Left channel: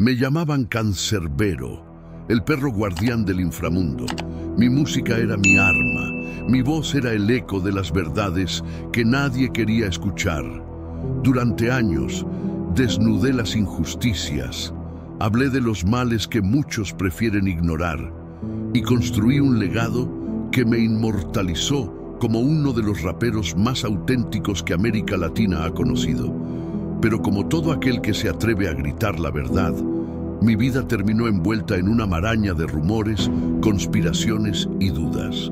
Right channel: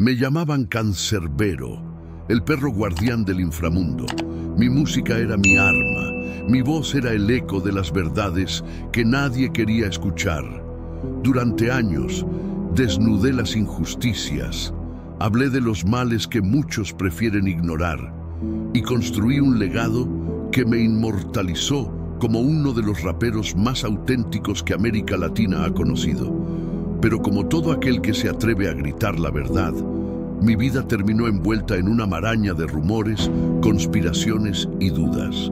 Me llamaban Cancerbero, el perro guardián del inframundo. Mi música era mi arma, mi voz era el eco de las verdades que nadie quería escuchar. Durante años, desnudé las injusticias, hablé de los males que muchos prefieren ignorar y construí un legado que me inmortalizó como uno de los raperos más auténticos que América Latina ha conocido. Pero como todo aquel que se atreve a gritar la verdad, mi vida terminó envuelta en una maraña de rumores, conspiraciones y dudas.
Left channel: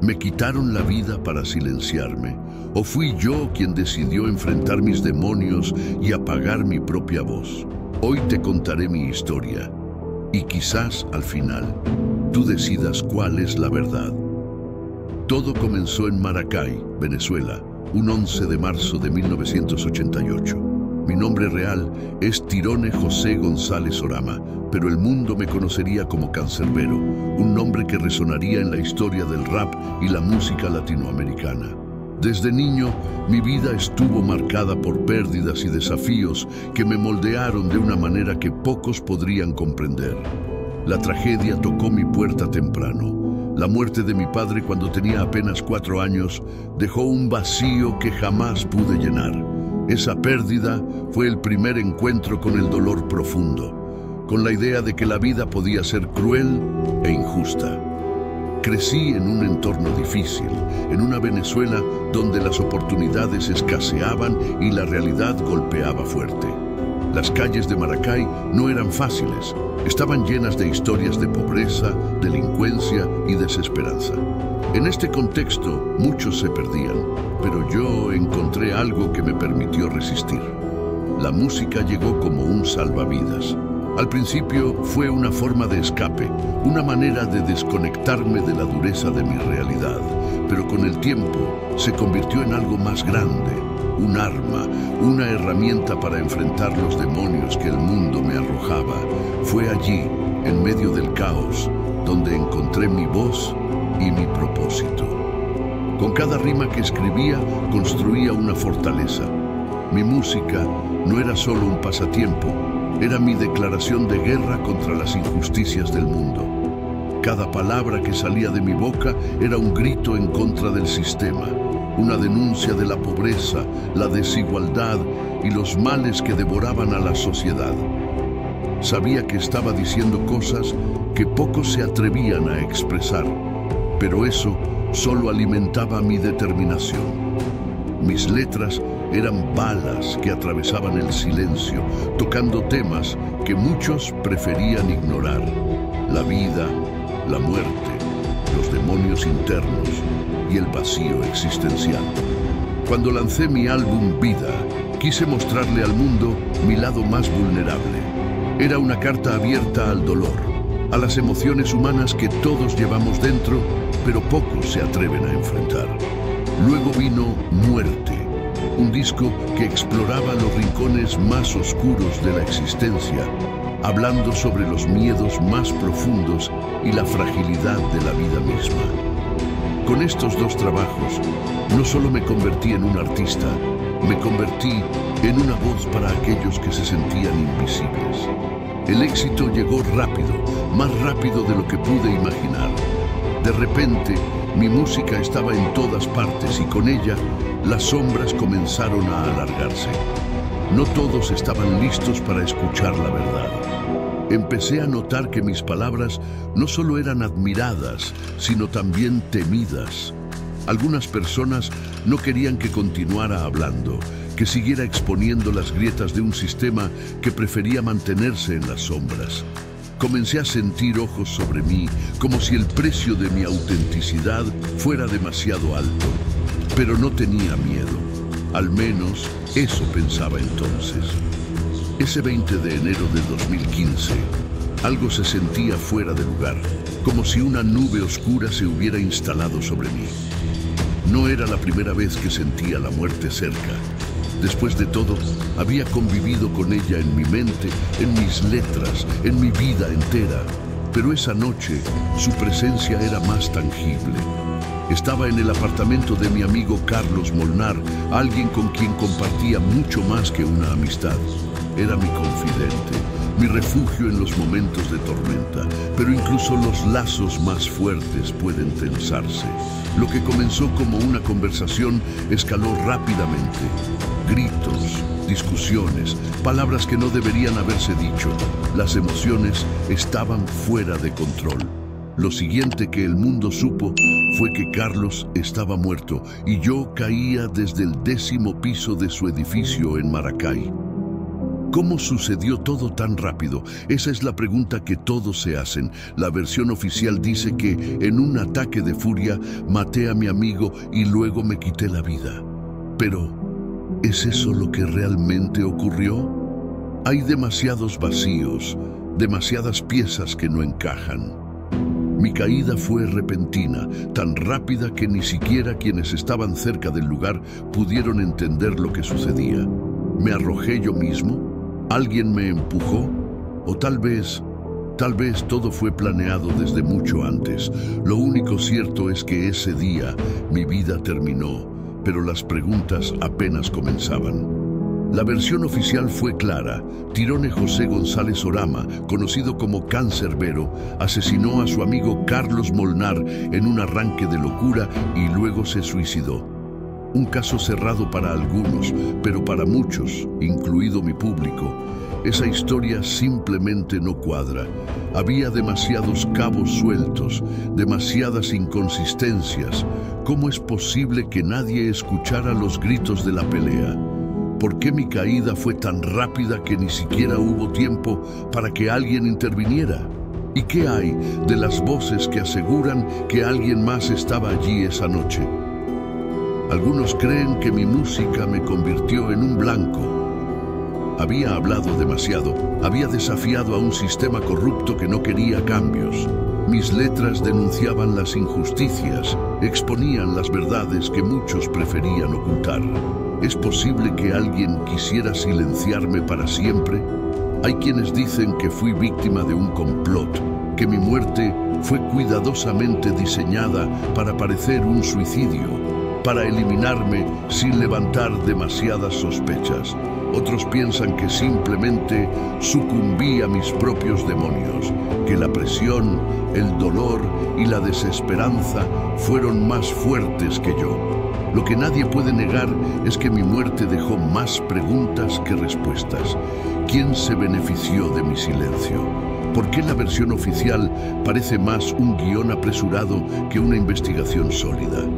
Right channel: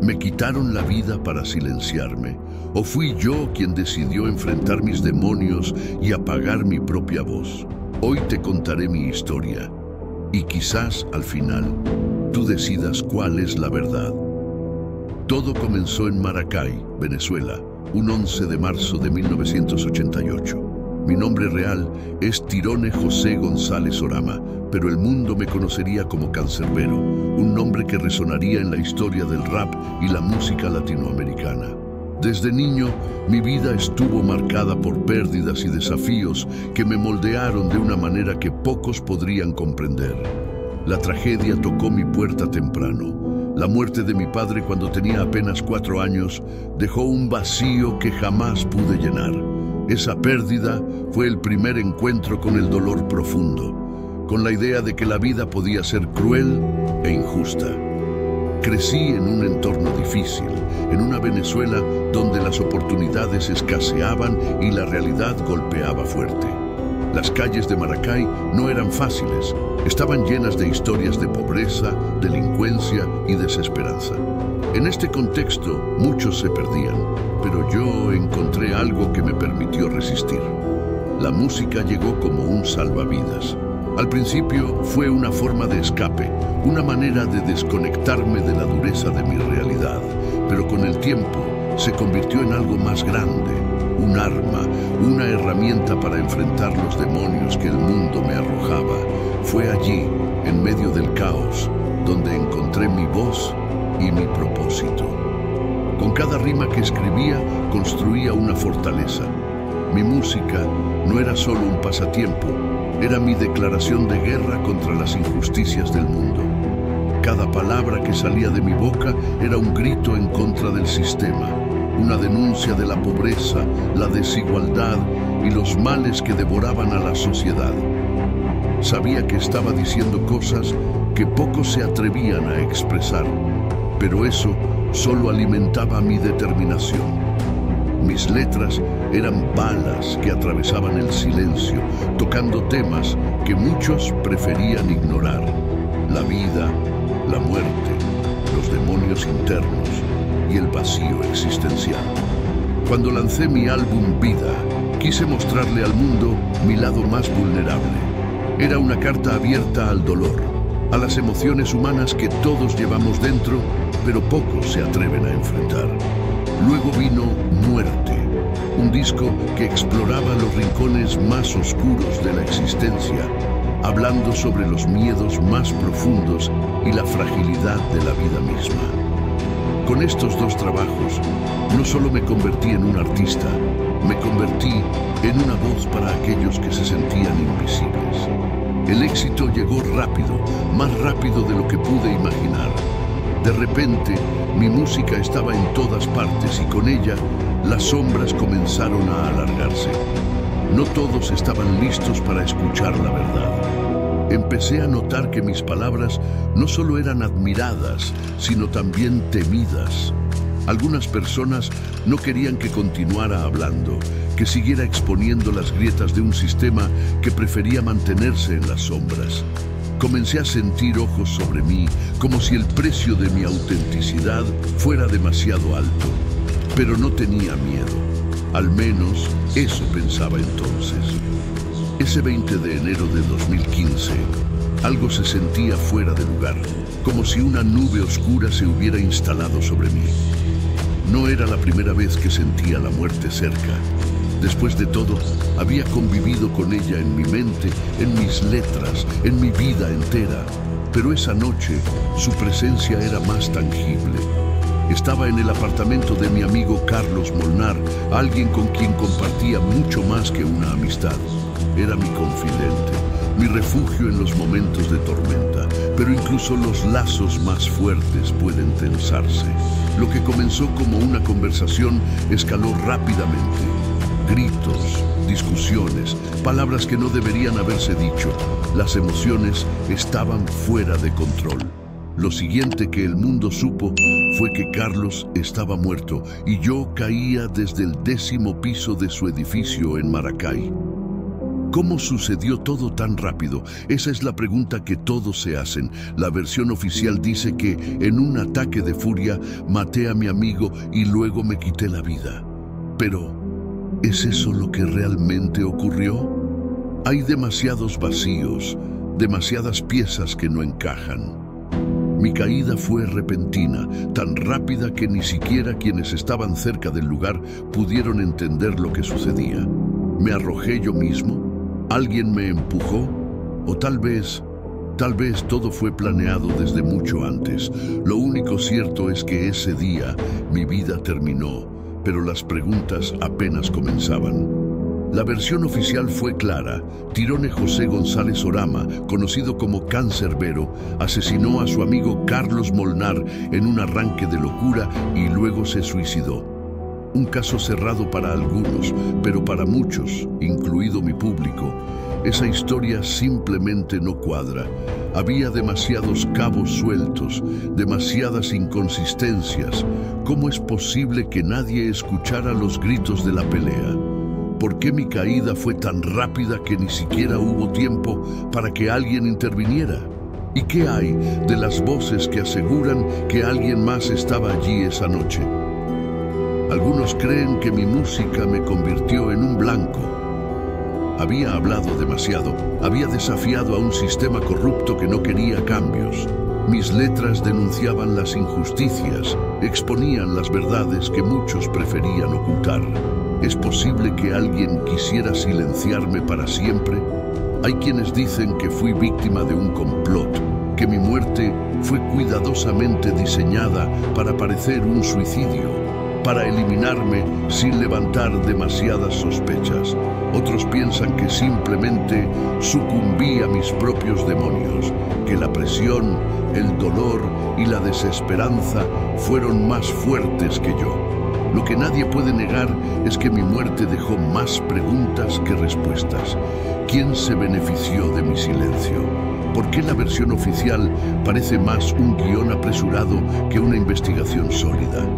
¿Me quitaron la vida para silenciarme? ¿O fui yo quien decidió enfrentar mis demonios y apagar mi propia voz? Hoy te contaré mi historia, y quizás al final tú decidas cuál es la verdad. Todo comenzó en Maracay, Venezuela, un 11 de marzo de 1988. Mi nombre real es Tirone José González Orama, pero el mundo me conocería como Cancerbero, un nombre que resonaría en la historia del rap y la música latinoamericana. Desde niño, mi vida estuvo marcada por pérdidas y desafíos que me moldearon de una manera que pocos podrían comprender. La tragedia tocó mi puerta temprano. La muerte de mi padre cuando tenía apenas 4 años dejó un vacío que jamás pude llenar. Esa pérdida fue el primer encuentro con el dolor profundo, con la idea de que la vida podía ser cruel e injusta. Crecí en un entorno difícil, en una Venezuela donde las oportunidades escaseaban y la realidad golpeaba fuerte. Las calles de Maracay no eran fáciles, estaban llenas de historias de pobreza, delincuencia y desesperanza. En este contexto, muchos se perdían, pero yo encontré algo que me permitió resistir. La música llegó como un salvavidas. Al principio fue una forma de escape, una manera de desconectarme de la dureza de mi realidad, pero con el tiempo se convirtió en algo más grande, un arma, una herramienta para enfrentar los demonios que el mundo me arrojaba. Fue allí, en medio del caos, donde encontré mi voz y mi propósito. Con cada rima que escribía, construía una fortaleza. Mi música no era solo un pasatiempo, era mi declaración de guerra contra las injusticias del mundo. Cada palabra que salía de mi boca era un grito en contra del sistema, una denuncia de la pobreza, la desigualdad y los males que devoraban a la sociedad. Sabía que estaba diciendo cosas que pocos se atrevían a expresar, pero eso solo alimentaba mi determinación. Mis letras eran balas que atravesaban el silencio, tocando temas que muchos preferían ignorar: la vida, la muerte, los demonios internos y el vacío existencial. Cuando lancé mi álbum Vida, quise mostrarle al mundo mi lado más vulnerable. Era una carta abierta al dolor, a las emociones humanas que todos llevamos dentro, pero pocos se atreven a enfrentar. Luego vino Muerte, un disco que exploraba los rincones más oscuros de la existencia, hablando sobre los miedos más profundos y la fragilidad de la vida misma. Con estos 2 trabajos, no solo me convertí en un artista, me convertí en una voz para aquellos que se sentían invisibles. El éxito llegó rápido, más rápido de lo que pude imaginar. De repente, mi música estaba en todas partes y con ella, las sombras comenzaron a alargarse. No todos estaban listos para escuchar la verdad. Empecé a notar que mis palabras no solo eran admiradas, sino también temidas. Algunas personas no querían que continuara hablando, que siguiera exponiendo las grietas de un sistema que prefería mantenerse en las sombras. Comencé a sentir ojos sobre mí, como si el precio de mi autenticidad fuera demasiado alto. Pero no tenía miedo. Al menos eso pensaba entonces. Ese 20 de enero de 2015, algo se sentía fuera de lugar, como si una nube oscura se hubiera instalado sobre mí. No era la primera vez que sentía la muerte cerca. Después de todo, había convivido con ella en mi mente, en mis letras, en mi vida entera. Pero esa noche, su presencia era más tangible. Estaba en el apartamento de mi amigo Carlos Molnar, alguien con quien compartía mucho más que una amistad. Era mi confidente, mi refugio en los momentos de tormenta, pero incluso los lazos más fuertes pueden tensarse. Lo que comenzó como una conversación escaló rápidamente. Gritos, discusiones, palabras que no deberían haberse dicho. Las emociones estaban fuera de control. Lo siguiente que el mundo supo fue que Carlos estaba muerto y yo caía desde el 10º piso de su edificio en Maracay. ¿Cómo sucedió todo tan rápido? Esa es la pregunta que todos se hacen. La versión oficial dice que en un ataque de furia maté a mi amigo y luego me quité la vida. Pero, ¿es eso lo que realmente ocurrió? Hay demasiados vacíos, demasiadas piezas que no encajan. Mi caída fue repentina, tan rápida que ni siquiera quienes estaban cerca del lugar pudieron entender lo que sucedía. ¿Me arrojé yo mismo? ¿Alguien me empujó? O tal vez todo fue planeado desde mucho antes. Lo único cierto es que ese día mi vida terminó, pero las preguntas apenas comenzaban. La versión oficial fue clara. Tirone José González Orama, conocido como Cancerbero, asesinó a su amigo Carlos Molnar en un arranque de locura y luego se suicidó. Un caso cerrado para algunos, pero para muchos, incluido mi público, esa historia simplemente no cuadra. Había demasiados cabos sueltos, demasiadas inconsistencias. ¿Cómo es posible que nadie escuchara los gritos de la pelea? ¿Por qué mi caída fue tan rápida que ni siquiera hubo tiempo para que alguien interviniera? ¿Y qué hay de las voces que aseguran que alguien más estaba allí esa noche? Algunos creen que mi música me convirtió en un blanco. Había hablado demasiado, había desafiado a un sistema corrupto que no quería cambios. Mis letras denunciaban las injusticias, exponían las verdades que muchos preferían ocultar. ¿Es posible que alguien quisiera silenciarme para siempre? Hay quienes dicen que fui víctima de un complot, que mi muerte fue cuidadosamente diseñada para parecer un suicidio, para eliminarme sin levantar demasiadas sospechas. Otros piensan que simplemente sucumbí a mis propios demonios, que la presión, el dolor y la desesperanza fueron más fuertes que yo. Lo que nadie puede negar es que mi muerte dejó más preguntas que respuestas. ¿Quién se benefició de mi silencio? ¿Por qué la versión oficial parece más un guión apresurado que una investigación sólida?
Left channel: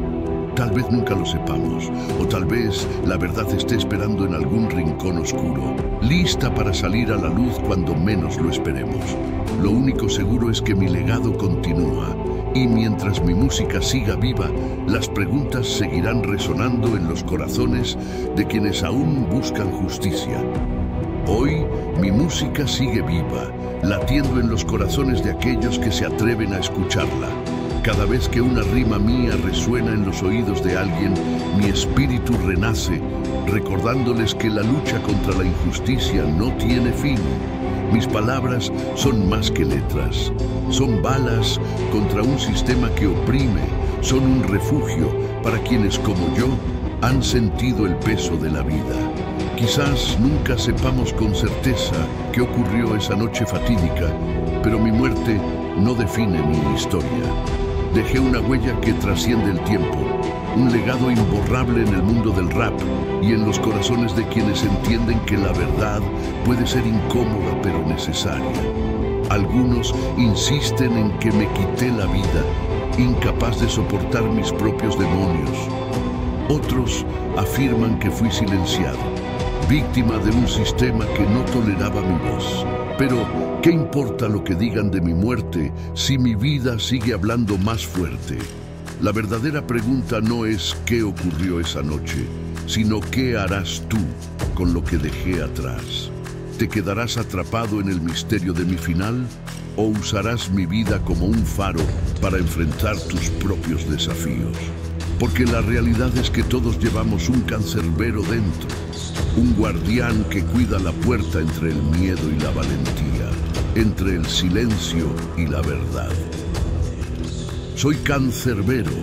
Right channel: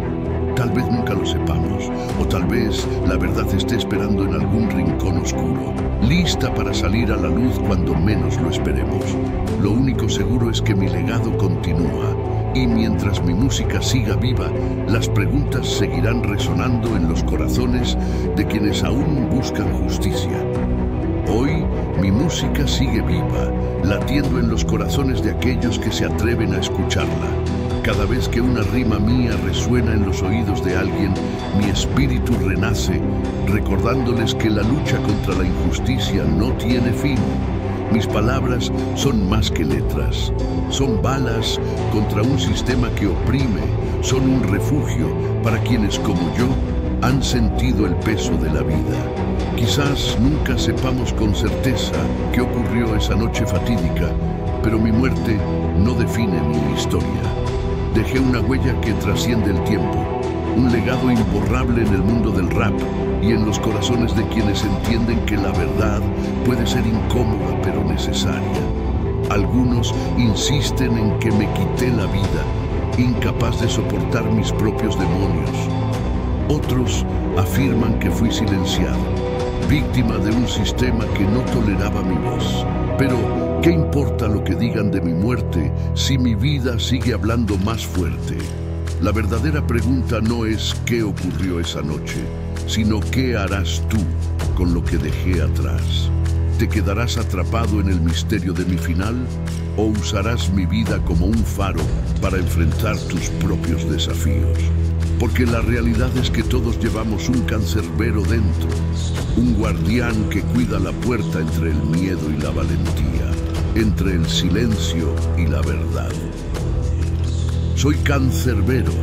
Tal vez nunca lo sepamos, o tal vez la verdad esté esperando en algún rincón oscuro, lista para salir a la luz cuando menos lo esperemos. Lo único seguro es que mi legado continúa, y mientras mi música siga viva, las preguntas seguirán resonando en los corazones de quienes aún buscan justicia. Hoy, mi música sigue viva, latiendo en los corazones de aquellos que se atreven a escucharla. Cada vez que una rima mía resuena en los oídos de alguien, mi espíritu renace, recordándoles que la lucha contra la injusticia no tiene fin. Mis palabras son más que letras. Son balas contra un sistema que oprime, son un refugio para quienes como yo han sentido el peso de la vida. Quizás nunca sepamos con certeza qué ocurrió esa noche fatídica, pero mi muerte no define mi historia. Dejé una huella que trasciende el tiempo, un legado imborrable en el mundo del rap y en los corazones de quienes entienden que la verdad puede ser incómoda pero necesaria. Algunos insisten en que me quité la vida, incapaz de soportar mis propios demonios. Otros afirman que fui silenciado, víctima de un sistema que no toleraba mi voz. Pero, ¿qué importa lo que digan de mi muerte si mi vida sigue hablando más fuerte? La verdadera pregunta no es qué ocurrió esa noche, sino qué harás tú con lo que dejé atrás. ¿Te quedarás atrapado en el misterio de mi final o usarás mi vida como un faro para enfrentar tus propios desafíos? Porque la realidad es que todos llevamos un cancerbero dentro, un guardián que cuida la puerta entre el miedo y la valentía, entre el silencio y la verdad. Soy Cancerbero,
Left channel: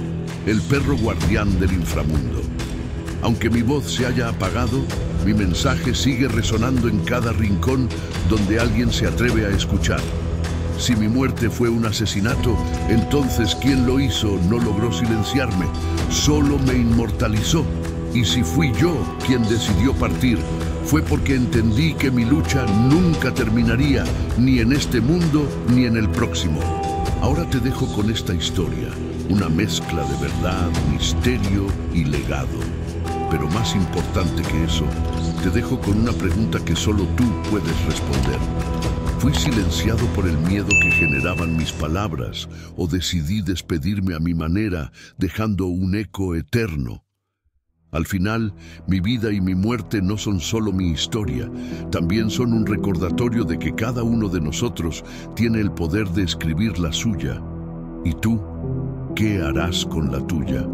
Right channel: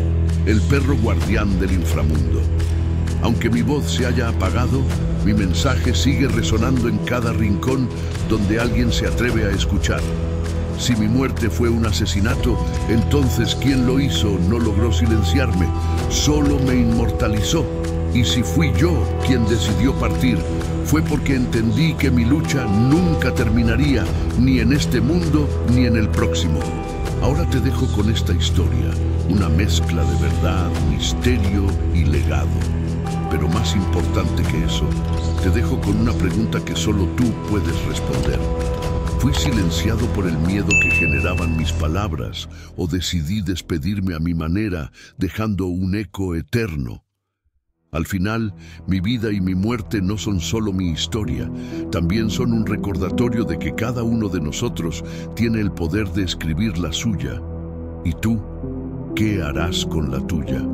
el perro guardián del inframundo. Aunque mi voz se haya apagado, Mi mensaje sigue resonando en cada rincón donde alguien se atreve a escuchar. Si mi muerte fue un asesinato, entonces quien lo hizo no logró silenciarme, solo me inmortalizó. Y si fui yo quien decidió partir, fue porque entendí que mi lucha nunca terminaría, ni en este mundo ni en el próximo. Ahora te dejo con esta historia, una mezcla de verdad, misterio y legado. Pero más importante que eso, te dejo con una pregunta que solo tú puedes responder. ¿Fui silenciado por el miedo que generaban mis palabras o decidí despedirme a mi manera, dejando un eco eterno? Al final, mi vida y mi muerte no son solo mi historia, también son un recordatorio de que cada uno de nosotros tiene el poder de escribir la suya. ¿Y tú, qué harás con la tuya?